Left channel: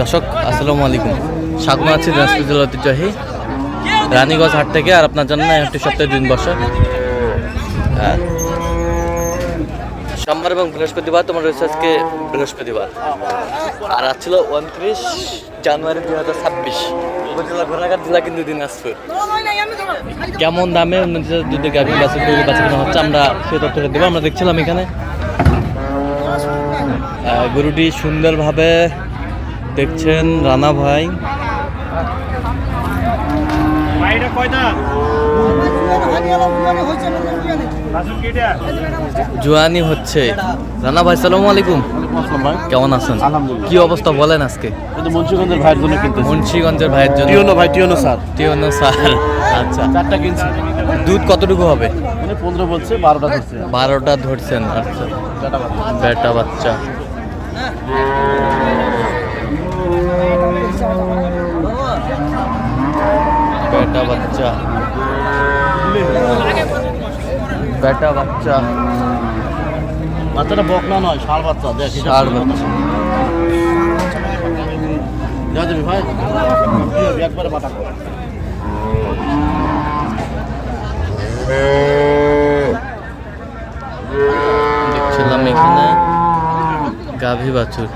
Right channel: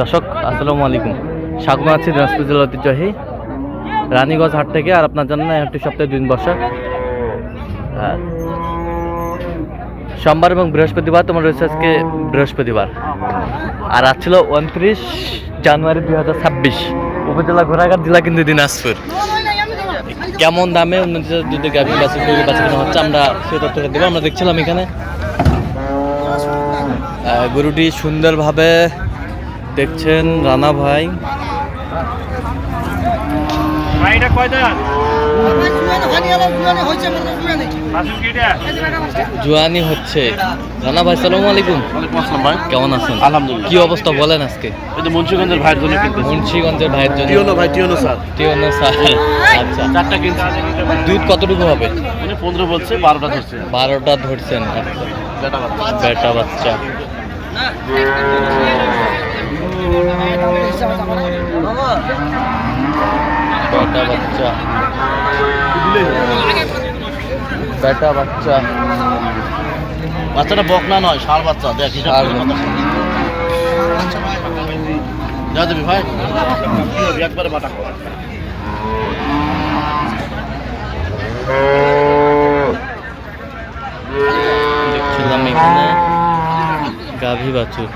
দর্শক আসসালামু আলাইকুম, স্বাগত আছি দিনাজপুর জেলার ঐতিহ্যবাহী রানীগঞ্জ হাট থেকে। আর আপনার জন্য একটি সপ্তাহে 2 দিন বসা সোমবার এবং বৃহস্পতিবার। তোমার রয়েছে আজকে বৃহস্পতিবার, আর আজ ছিল 29 জানুয়ারি 2026। উপজেলা ঘোড়াঘাট, জেলা কিন্তু দিনাজপুর। কেমন দামে উন্নত দুধের গাভী বাছুর কেনা হচ্ছে আমরা সে তথ্য দেবো। আমরা দেখছিলাম এখানে গরুটি সুন্দরভাবে দেখছেন রানা ভাই। জুয়ানি হচ্ছে রানা ভাই। সালামু আলাইকুম। ভাই কেমন আছেন? আলহামদুলিল্লাহ। কি অবস্থা বলেন আজকে? মুন্সিগঞ্জের ভাইয়ের জন্য কিন্তু মুন্সিগঞ্জের ভাইয়ের জন্য টিওনো স্যার আচ্ছা, 4টা কিনছি। দুধ কতটুকু হবে? উনি 15 বলছে, 12টা ধরছে। 12টা ধরছেন। আচ্ছা, বেটা বাচ্চা। বেটা বাচ্চা, বেটা বাচ্চা। বাচ্চাটা বকনা নয়, ষাঁড় বাচ্চা। দেখ ষাঁড় বাচ্চা। যা দেবি ভাই, একবারে বাটা কর। দেখছিলাম এখানে গাভী বাছুর।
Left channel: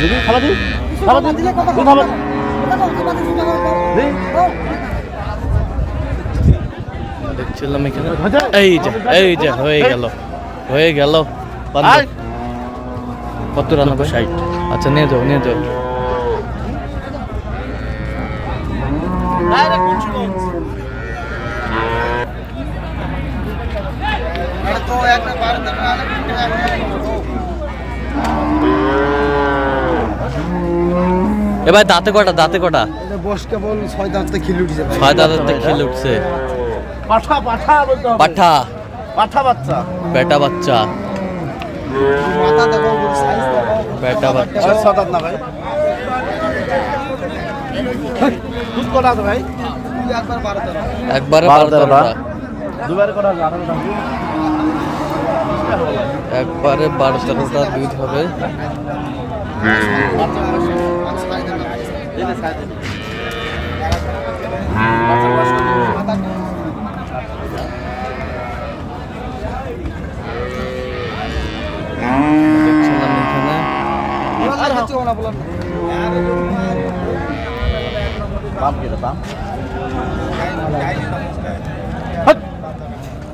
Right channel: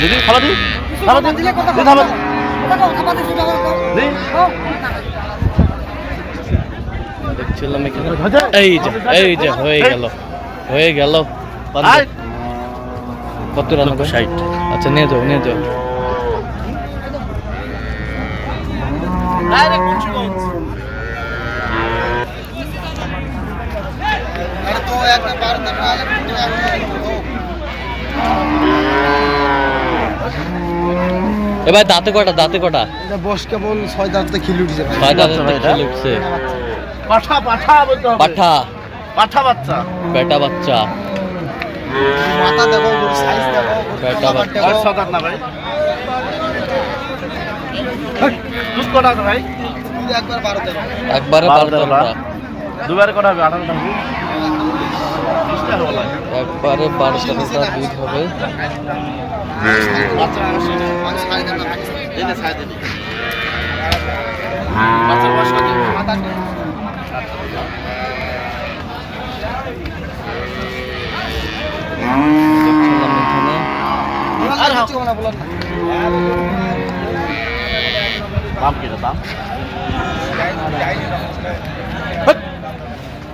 দিদি খালা দি, দেখছিলাম এখানে এই যে হয়ে গেল কত রান্না? 60। আচ্ছা, নিয়ে যাও। এবার দাঁতে কটা? কেবল 6 দাঁতে খিলে উঠছে। 6 দাঁতে খিলে উঠছে। পাঠা বলতে হবে। পাঠা বাচ্চা, বেটা বাচ্চা। মাথা দেখো, সাইজ দেখো, বেটা বাচ্চা। 6 দাঁত না ভাই। দুধ কটা আছে ভাই? একবারে 12টা। দুবারে কটা হবে? 18টা। একবারে 12-13টা দুধ হবে। দেখছিলাম এখানে দাম কি দাম?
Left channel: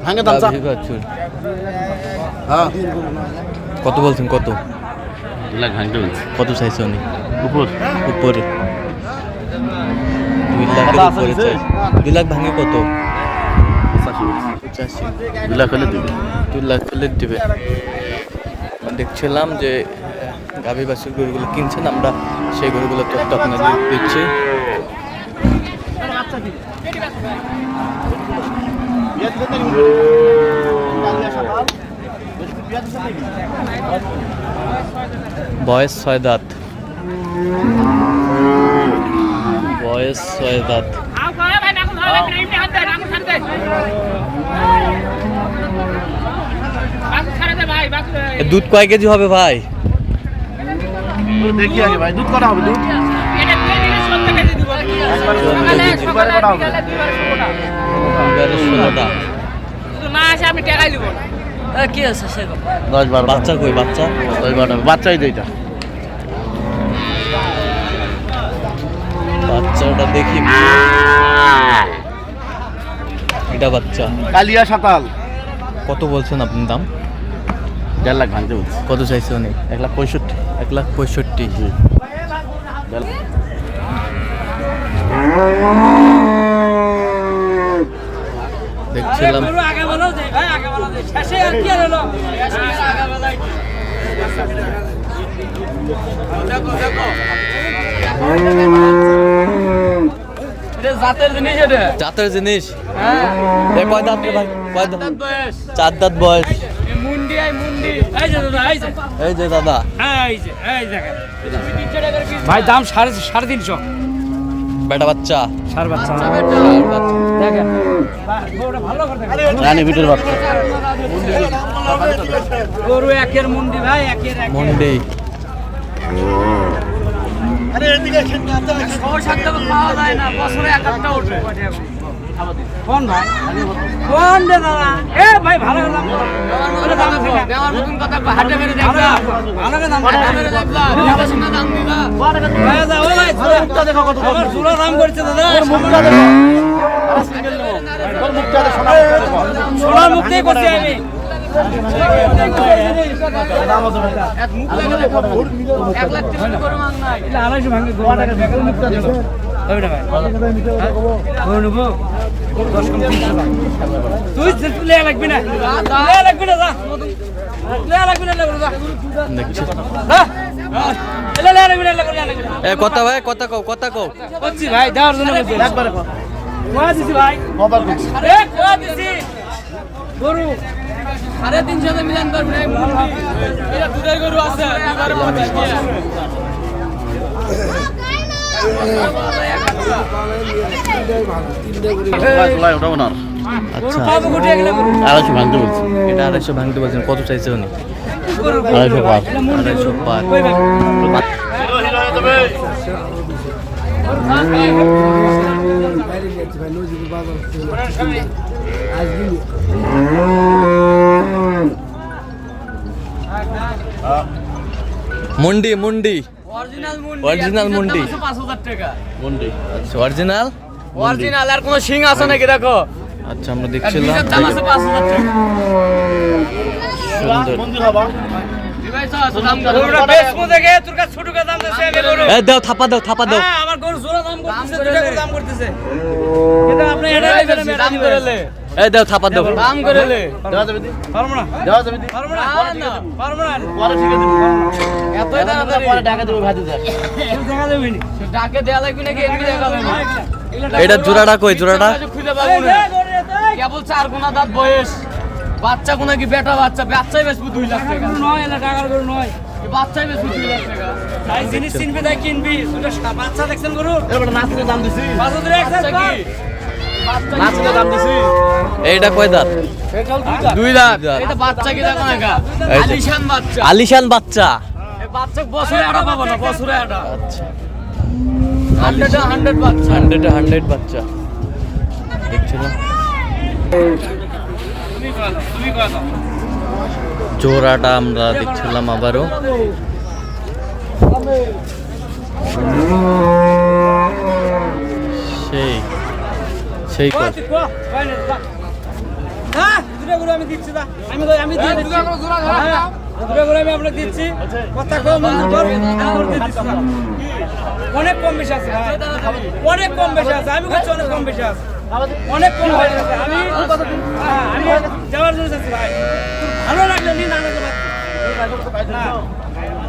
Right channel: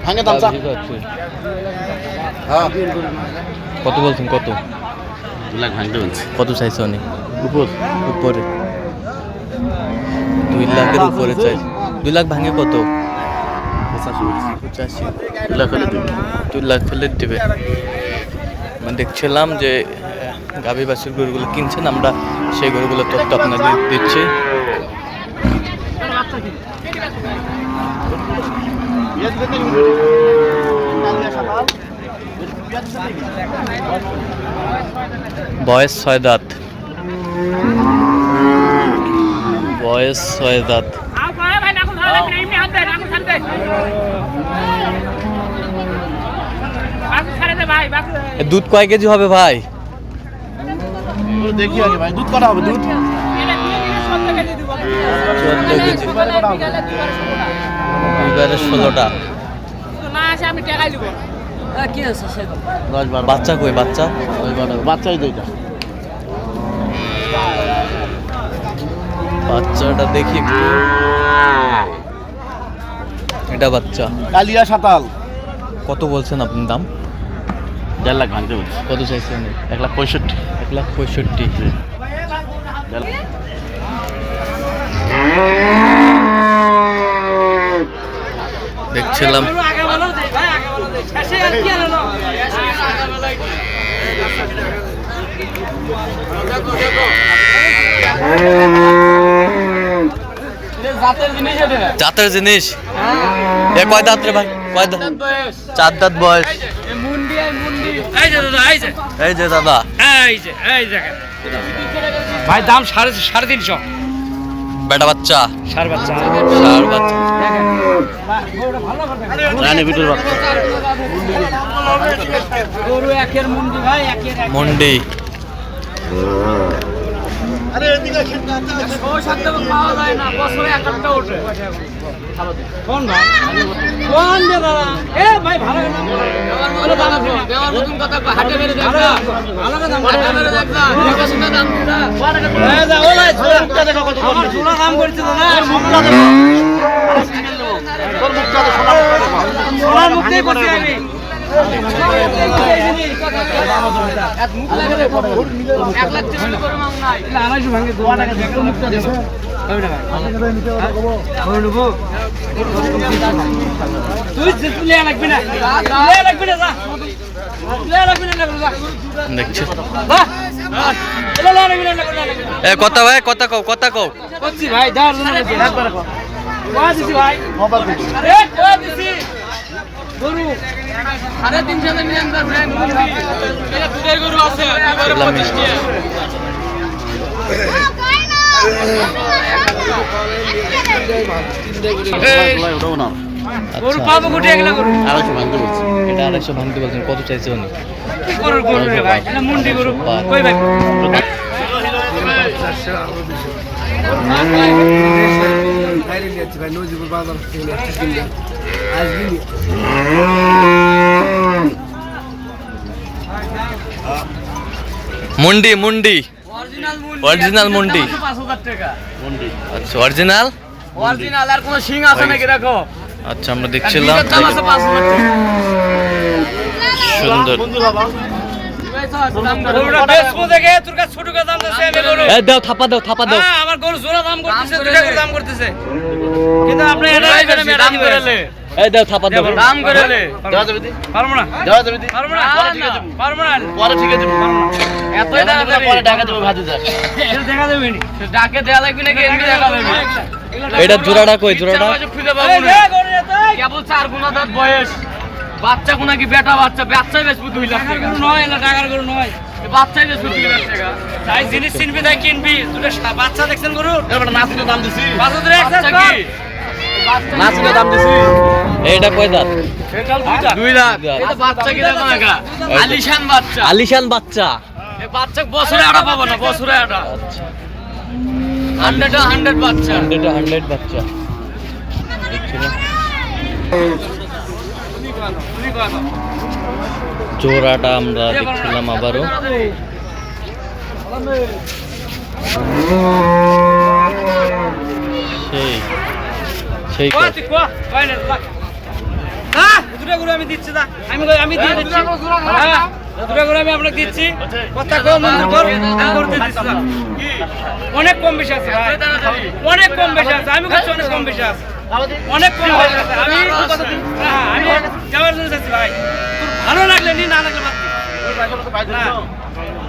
ভাঙে দাম গাভী বাছুর। কত বলছেন? কত? 2 লাখ ভাঙতে বলছে। কত চাইছে উনি? উপরে 2 লাখের উপরে চাই। 2 লাখ ভাঙে কত? 85। 2 লাখ হলে দিবে। 2 লাখ হলে দেবে। মানে দেখছিলাম যে গাভী বাছুর গরুগুলো কিনছেন, আমরা সেই গরুগুলোর তথ্য আপনাদের দিচ্ছি। বয়স 6 দাঁত। দুধ কয় কেজি হবে ভাই? দেখি আগে ভাই, দুধ কটা হবে? দুধ 14 কেজি। দুবারে কটা হবে? এবারে 16টা। 10-12। বাচ্চা কই? বাচ্চা 10-12 বাচ্চাই দেইটা। বাচ্চাটা দেখি। এটা বাচ্চা। কালিয়া সাতাল। কত বলছেন আপনি দাম? 1.5 লাখ ভাঙতে বলছে। কত চাইছে উনি? 1,65,000। 1,65,000। দেখছিলাম জাতের জিনিস। এ কয় দাঁত রে ভাই? কয় দাঁত? 4 দাঁত বয়স। এই যে দাদা, ভাই দাম 350। বেটা বাচ্চা সার বাচ্চা ষাঁড় বাচ্চা রানী বিটুর বাচ্চা গরু একের মুন্ডি ভাই একের মন্ডি পাওয়া যায় না বছরে একটা ওঠে কোন ভাই কোন দে দাদা এ ভাই ভালো দাম দেওয়ার মতন কথা হাটে মেরে দেখবা ভালো দাম দাম দিলা ভাই যা ও ভাই আমার চুলা দাম করছে দাদা মুখটা দেখো সোনার মুখতে করছি আমি দেখছি কথা ভাই কথা কও কথা কও ভাই দাও ভাই গরু 350 মিলিয়ন গরু আছে গরু পাবো কোটি এগুলা গরু 250 ভাঙতে বলছি এটা 250 ভাঙতে বলছেন কত চাইছে উনি কি গরু ভাই এটা মুন্ডি গরু কই ভাই মুন্ডি মুন্ডি অরিজিনাল মুন্ডি 5000 টাকা মন্ডি আচ্ছা অরিজিনাল অরিজিনাল আর কোন সিং আছে নাকি দেখো আচ্ছা আমরা দেখছিলাম দাম আছে 5000 টাকা সুন্দর গরুটা বেচবো দেখে তোর কাছে ছোট দাম দিছে আমি গরু এই দাও থাপা দাও হ্যাঁ আমার গরু জোড়া দাম করতেছে দুটা করে দাম করতেছে কিন্তু আপনি এটা দিবেন আমি এটা দিবেন এই দাও থাপা দাও দাম করে লে দেওয়া যাবে দি পারবো না দেওয়া যাবে দি পারবো না পারবো না পরে ঠিক আছে এত টাকা পরে টাকা দেবো ভাজি যা এটা দেখা যাবে নি ডাকে দেয়া লাগবে নাকি এমনি দেখা যাবে এটা জোড়াটা কই জোড়াটা খুলে পাবো না কেবল 4 গুণা দাঁত বয়স বাচ্চা কোনা কি বেটা বাচ্চা বাচ্চাই বেচবো 2 লাখ টাকা নয় না টাকার গরু নয় বাচ্চাই বেচবো 2 লাখ টাকা তাই জিনিস কিনবি তাই কিনবি দুটো বাচ্চা দেখছেন গরু এবার নাচতে দাম দিছি 5000 বাচ্চা কি নাচতে দাম দিছি এইটা কয় দাঁত দুই লাখ এটা বাচ্চা কি দেখো না আলিশান বাচ্চা আলিশান বাচ্চা এই বাচ্চা বছরে আটা পাবো না বছরে আটা আচ্ছা 100 বাচ্চা 100 বাচ্চা দেখছিলাম জোড়াটা আমরা দেখছিলাম আবারও সেই সেই দুটো গরু আমি দিচ্ছি দা আমি দিয়ে দিচ্ছি হ্যাঁ দুটো গরু আমি আপনাকে দিচ্ছি কথা কম মঞ্জুর কর আমি করে দিচ্ছি অনেক কম বেশি আছে ভাই অনেক কম বেশি আছে আমি বলছি অনেক কম বেশি আছে অনেক কম বেশি আছে আমি আমি যাওয়ার জন্য চাচ্ছি ভাই তোর ভালো লাগলে নি না লাগলে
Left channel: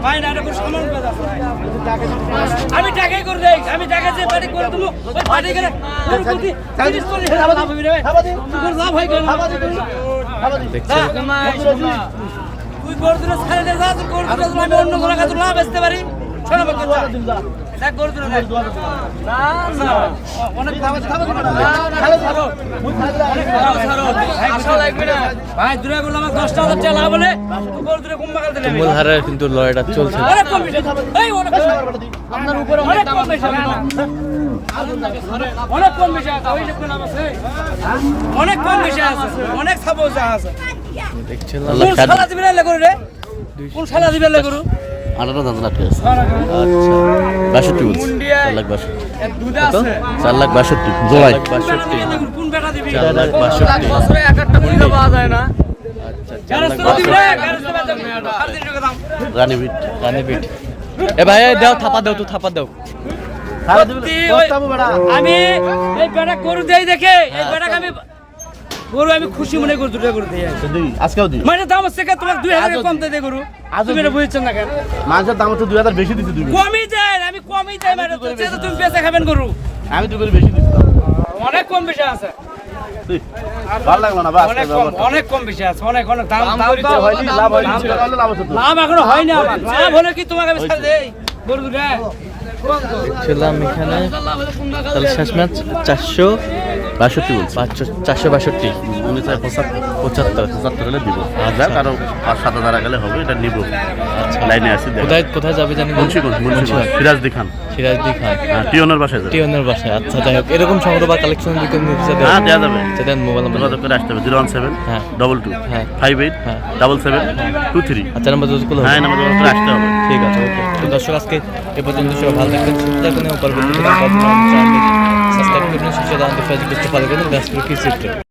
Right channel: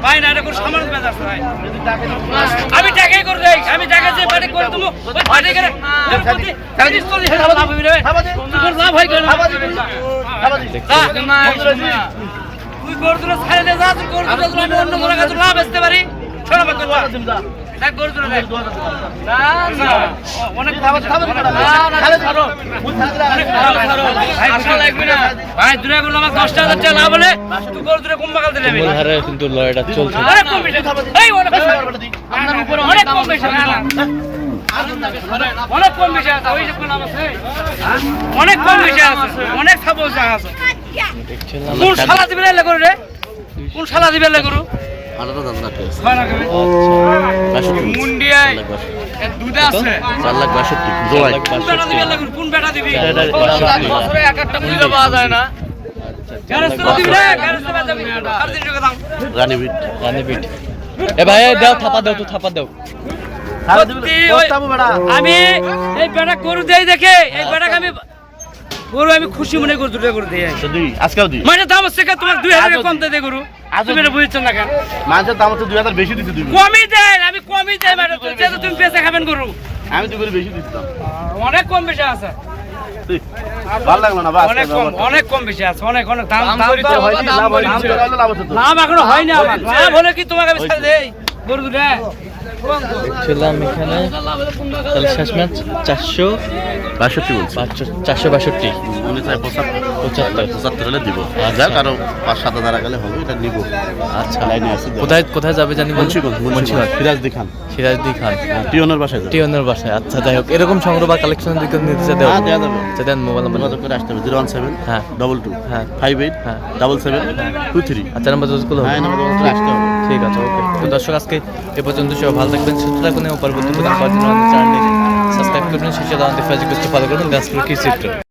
ভাই না এটা কোনো সামান্য বেজ আছে ভাই আমি টাকাই করে দেই আমি টাকা যে বাড়ি করে তুমি ওই বাড়ি করে তোর প্রতি সার্ভিস করলে লাভ হবে রে তোর লাভ হয় কেন তুই গরুরে ছাড়ে দে যা তুই গরুরে আমি অন্য কোনো কাছে লাভ আসতে পারি শোনা বাদ দেখ গরুরে দেখ না না অনেক ভাই দূরে গেল আমার 10000 টাকা লাভ হলে তুই গরুরে কম বাগাল দিলে মূল হারে কিন্তু লড়াইটা চলছে অনেক কম বেশি এই অনেক আপনার উপরে অনেক কম বেশি অনেক কম বেশি আছে ওই যে কোন নাম আছে অনেক কম বেশি আছে অনেক সাবো আছে দেখছিলাম কোন শালা দিবে লে গরু রে কোন শালা দিবে লে গরু আটাটা দাম লাগবে আচ্ছা মুন্ডিয়ায় দুধ আছে 4,62,000 জোড়ায় 4,62,000 কোন বেটা দিবি 4,62,000 বছরে এক একটা মূল্য পাওয়া যায় না আচ্ছা 400 দিবি রে 400 বাদ দিবি 3.5 টাকা দাম রানীবিট রানীপিঠ এ ভাই দাও থাপা দাও তো থাপা দাও আমি এই বেটা গরু দেই দেখে এই বেটাকে আমি গরু আমি খুশি মনে করি দুটো গরু দেই দুই আজকেও দুই মানে দাম আছে কে তোমার 2000 কম দে গরু তুমি এটা বুঝছেন না কেন মাছের দাম হচ্ছে 2000 বেশি দিতে দিবি কমই দেন আমি কমই দেই মানে তো যে তুমি বেচে খাবেন গরু আমি তো করে বেশি দিচ্ছি অনেক কম বেশি আছে ভালো লাগলো না বাস অনেক কম বেশি আছে অনেক অনেক দাম দাম লাভ হচ্ছে লাভ এখনো হয় না লাভ হলে কি তোমাকে আমি ছাড় দেই গরু দুটো ছিলাম এখানে তাহলে শেষ ম্যাচ 62 বলছি 462 উনি চাই 75 হলে দিব আচ্ছা। যাক আরো 5-7 হাজার গেলে হবে, এটা নিব। আচ্ছা লাইনে আছে কোথায় কোথায় যাবে জানি মুন্সিগঞ্জ সিরাজদি খান, সিরাজদি খান হ্যাঁ টিওনের বাসায় যাবে। টিওনের বাসায়। আচ্ছা যাই হোক, এরকম সংগ্রহ বা কালেকশন দিকে নিতে চাইতে হ্যাঁ দেওয়া যাবে, দেন মোবাইল নাম্বার যোগাযোগ করে আসতে হবে 017 হ্যাঁ 22 হ্যাঁ 58 হ্যাঁ 77 হ্যাঁ 23। আচ্ছা নাম্বার গুলো হ্যাঁ নাম্বার যোগাযোগ করে আসতে হবে। ঠিক আছে, ওকে। তো দর্শক আজকে এ পর্যন্ত সবাই ভালো থাকবেন, সুস্থ থাকবেন এবং পরবর্তী প্রতিদিন পাওয়ার জন্য আমাদের চ্যানেলটি সাবস্ক্রাইব করবেন, শেষে দাঁড়াতে ফেসবুক পেজটি ফলো করবেন। দাসপুর কৃষি চিত্র।